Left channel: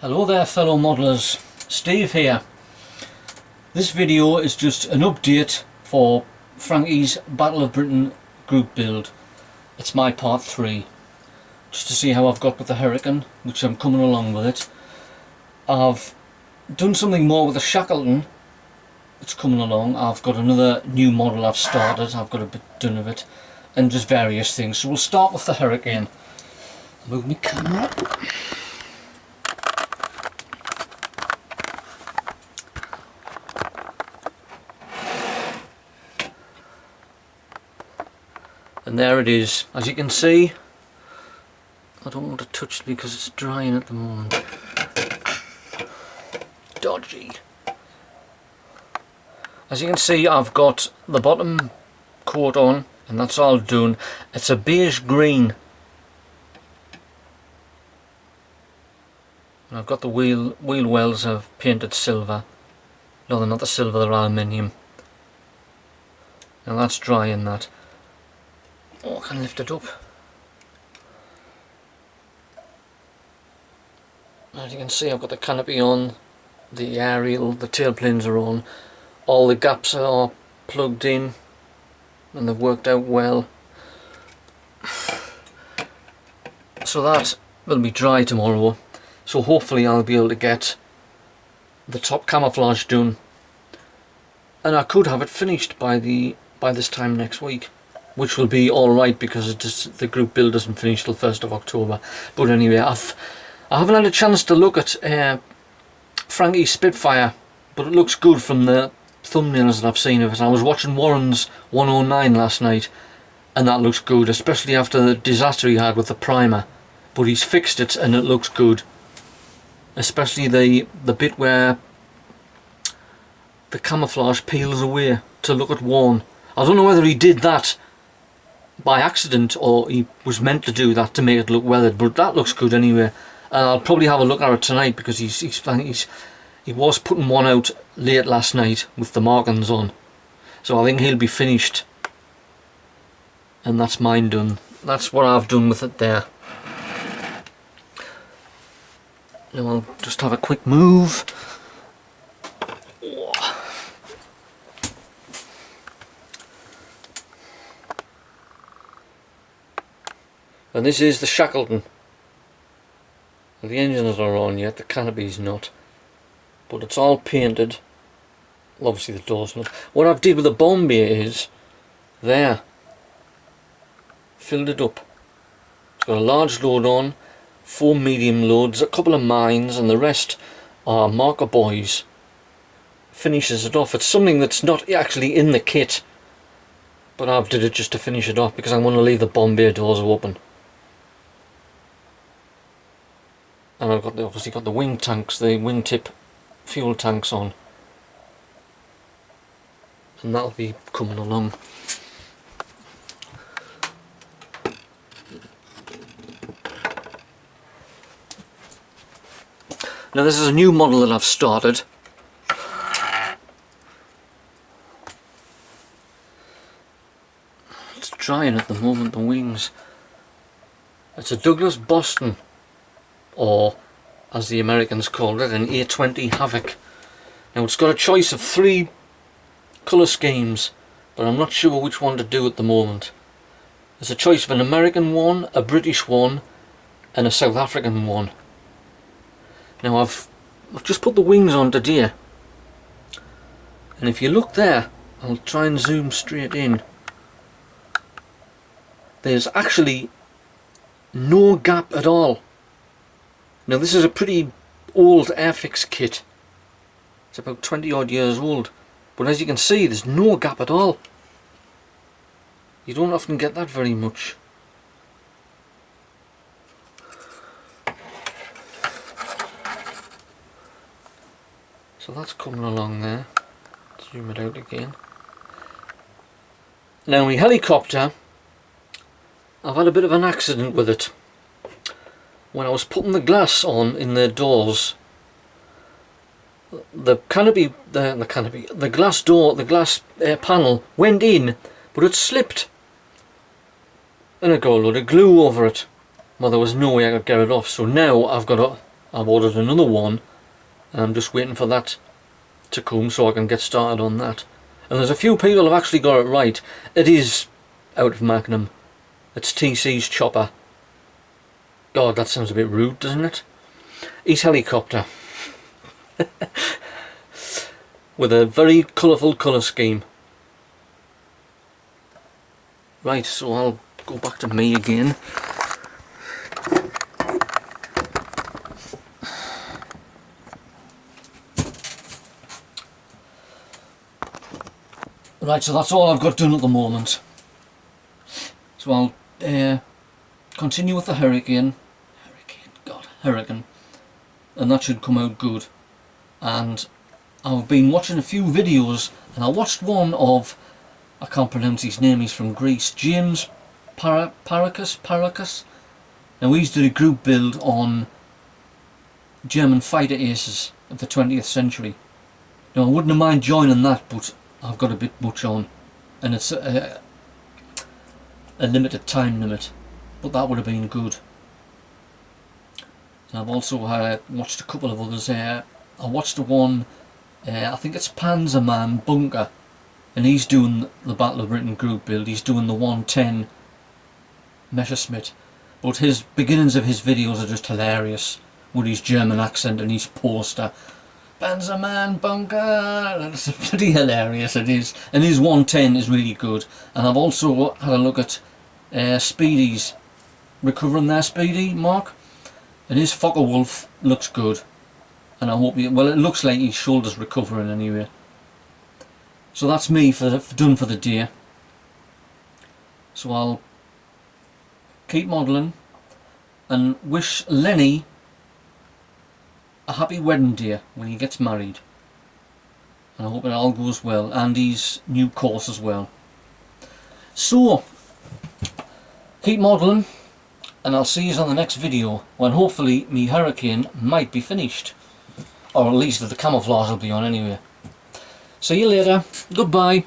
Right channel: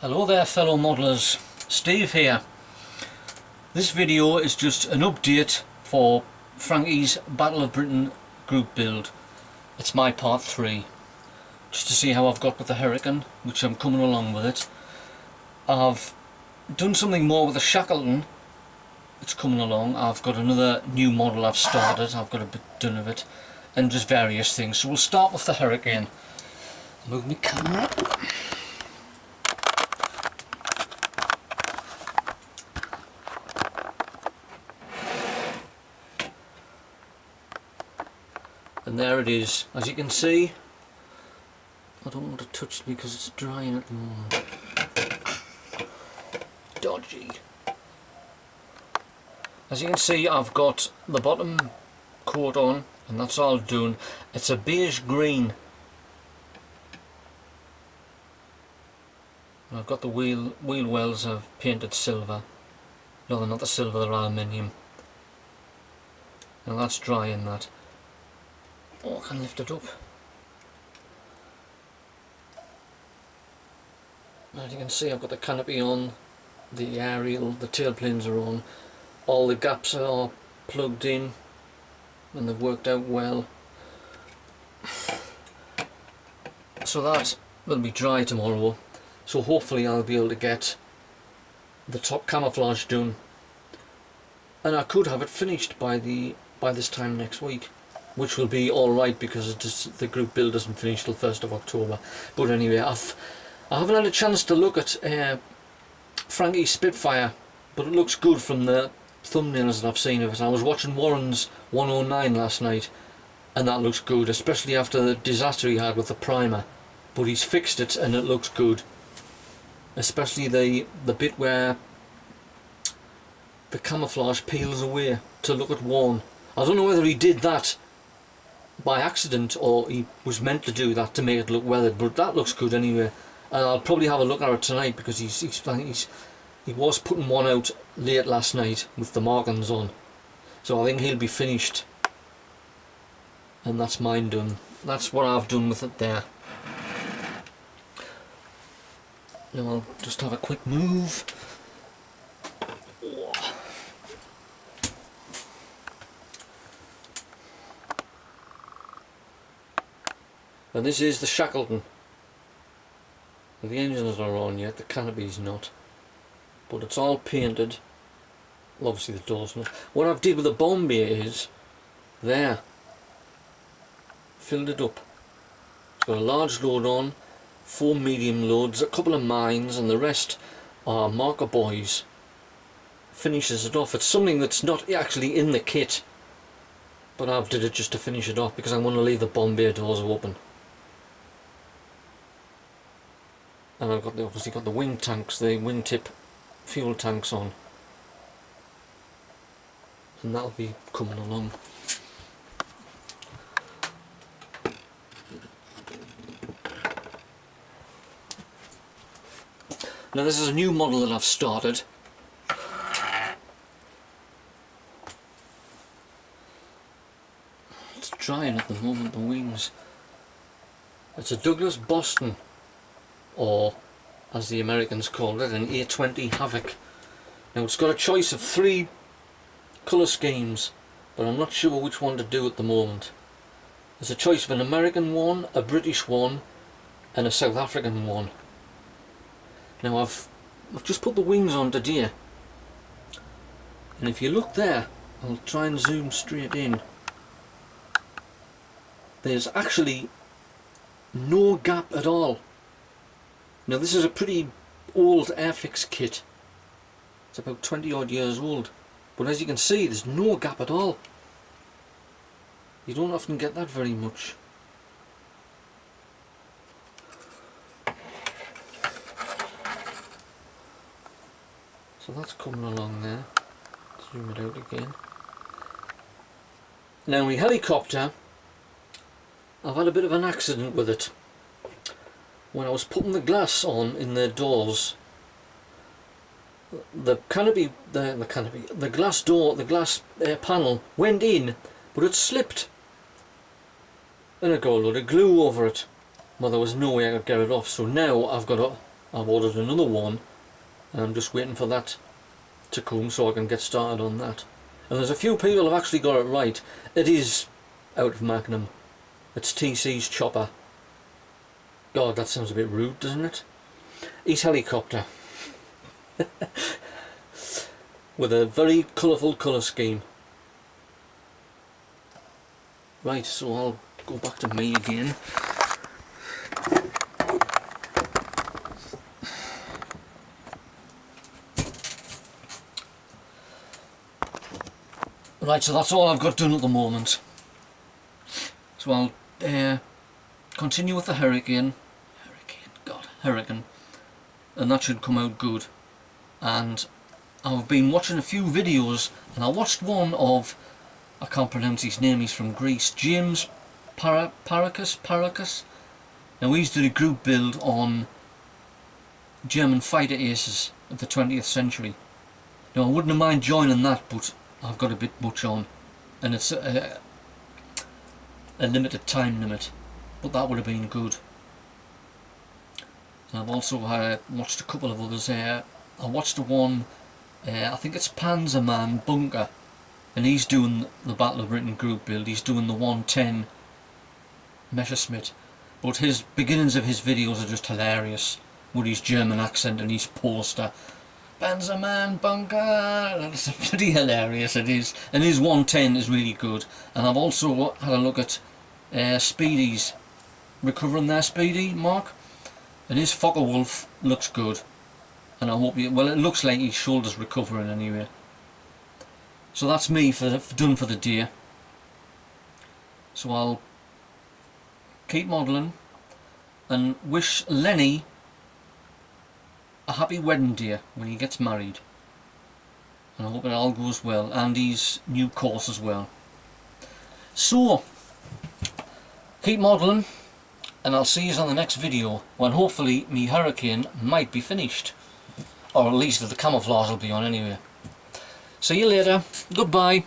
Hello there fellow modelers, Steve here. This video is just an update for Frankie's Battle of Britain group build. It's my part 3, just to see how I've got with the Hurricane, which I'm coming along with it. I've done something more with the Shackleton, it's coming along. I've got another new model I've started, I've got a bit done of it, and just various things. So we'll start with the Hurricane. I'll move my camera. And there it is. As you can see, I don't want to touch it because it's drying at the moment. Dodgy. As you can see, I've got the bottom coat on, and that's all done. It's a beige green. And I've got the wheel wells I've painted silver. No, they're not the silver, they're aluminium. And that's drying that. Oh, I can lift it up. As you can see, I've got the canopy on, the aerial, the tailplanes are on, all the gaps are plugged in and they've worked out well. So that will be dry tomorrow, so hopefully I'll be able to get the top camouflage done, and I could have it finished by this time next week, which will be alright because the group build doesn't finish till 1st of October. But anyway, I haven't had a chance to look at Frankie's Spitfire, but it looks good from the thumbnails that I've seen of it. I was watching Warren's 109 last night, and that looks good, especially after the disaster he had with the primer. But he's fixed it and it looks good, especially the bit where the camouflage peels away to look at Warren. I don't know whether he did that by accident or he was meant to do that to make it look weathered, but that looks good anyway. And I'll probably have a look at it tonight because he was putting one out late last night with the markings on, so I think he'll be finished, and that's mine done. That's what I've done with it there. Now I'll just have a quick move. And this is the Shackleton. The engines are on yet, the canopy's not, but it's all painted. Obviously the door's not. What I've did with the BoB is there, filled it up. It's got a large load on, 4 medium loads, a couple of mines, and the rest are marker buoys. Finishes it off. It's something that's not actually in the kit, but I've did it just to finish it off because I want to leave the BoB doors open. And I've obviously got the wing tanks, the wingtip fuel tanks on, and that'll be coming along. Now this is a new model that I've started. It's drying at the moment, the wings. It's a Douglas Boston, or as the Americans called it, an A20 Havoc. Now it's got a choice of 3 colour schemes, but I'm not sure which one to do at the moment. There's a choice of an American one, a British one, and a South African one. Now I've just put the wings on today, and if you look there, I'll try and zoom straight in, there's actually no gap at all. Now this is a pretty old Airfix kit, it's about 20 odd years old, but as you can see there's no gap at all. You don't often get that very much. So that's coming along there. Zoom it out again. Now my helicopter, I've had a bit of an accident with it. When I was putting the glass on in the doors, the glass door, the glass panel went in, but it slipped, and I got a load of glue over it. well, there was no way I could get it off. So now I've ordered another one, and I'm just waiting for that to come so I can get started on that. And there's a few people have actually got it right. It is out of Magnum. It's TC's chopper. God, that sounds a bit rude, doesn't it? His helicopter. With a very colourful colour scheme. Right, so I'll go back to me again. Right, so that's all I've got done at the moment. So I'll continue with the Hurricane, and that should come out good. And I've been watching a few videos, and I watched one of, I can't pronounce his name, he's from Greece, James Parakas. Now he's did a group build on German fighter aces of the 20th century. Now I wouldn't have mind joining that, but I've got a bit much on, and it's a limited time limit, but that would have been good. And I've also watched a couple of others. I watched the one, I think it's Panzerman Bunker, and he's doing the Battle of Britain group build. He's doing the 110 Messerschmitt, but his beginnings of his videos are just hilarious with his German accent and his poster. Panzerman Bunker, that's pretty hilarious, it is. And his 110 is really good. And I've also had a look at Speedy's, recovering their Speedy, Mark, and his Focke-Wulf looks good. And I hope well, it looks like his shoulder's recovering anyway. So that's me done for the day. So I'll keep modelling and wish Lenny a happy wedding day when he gets married, and I hope it all goes well, and his new course as well. So keep modelling, and I'll see you on the next video when hopefully me Hurricane might be finished, or at least the camouflage will be on anyway. See you later, goodbye.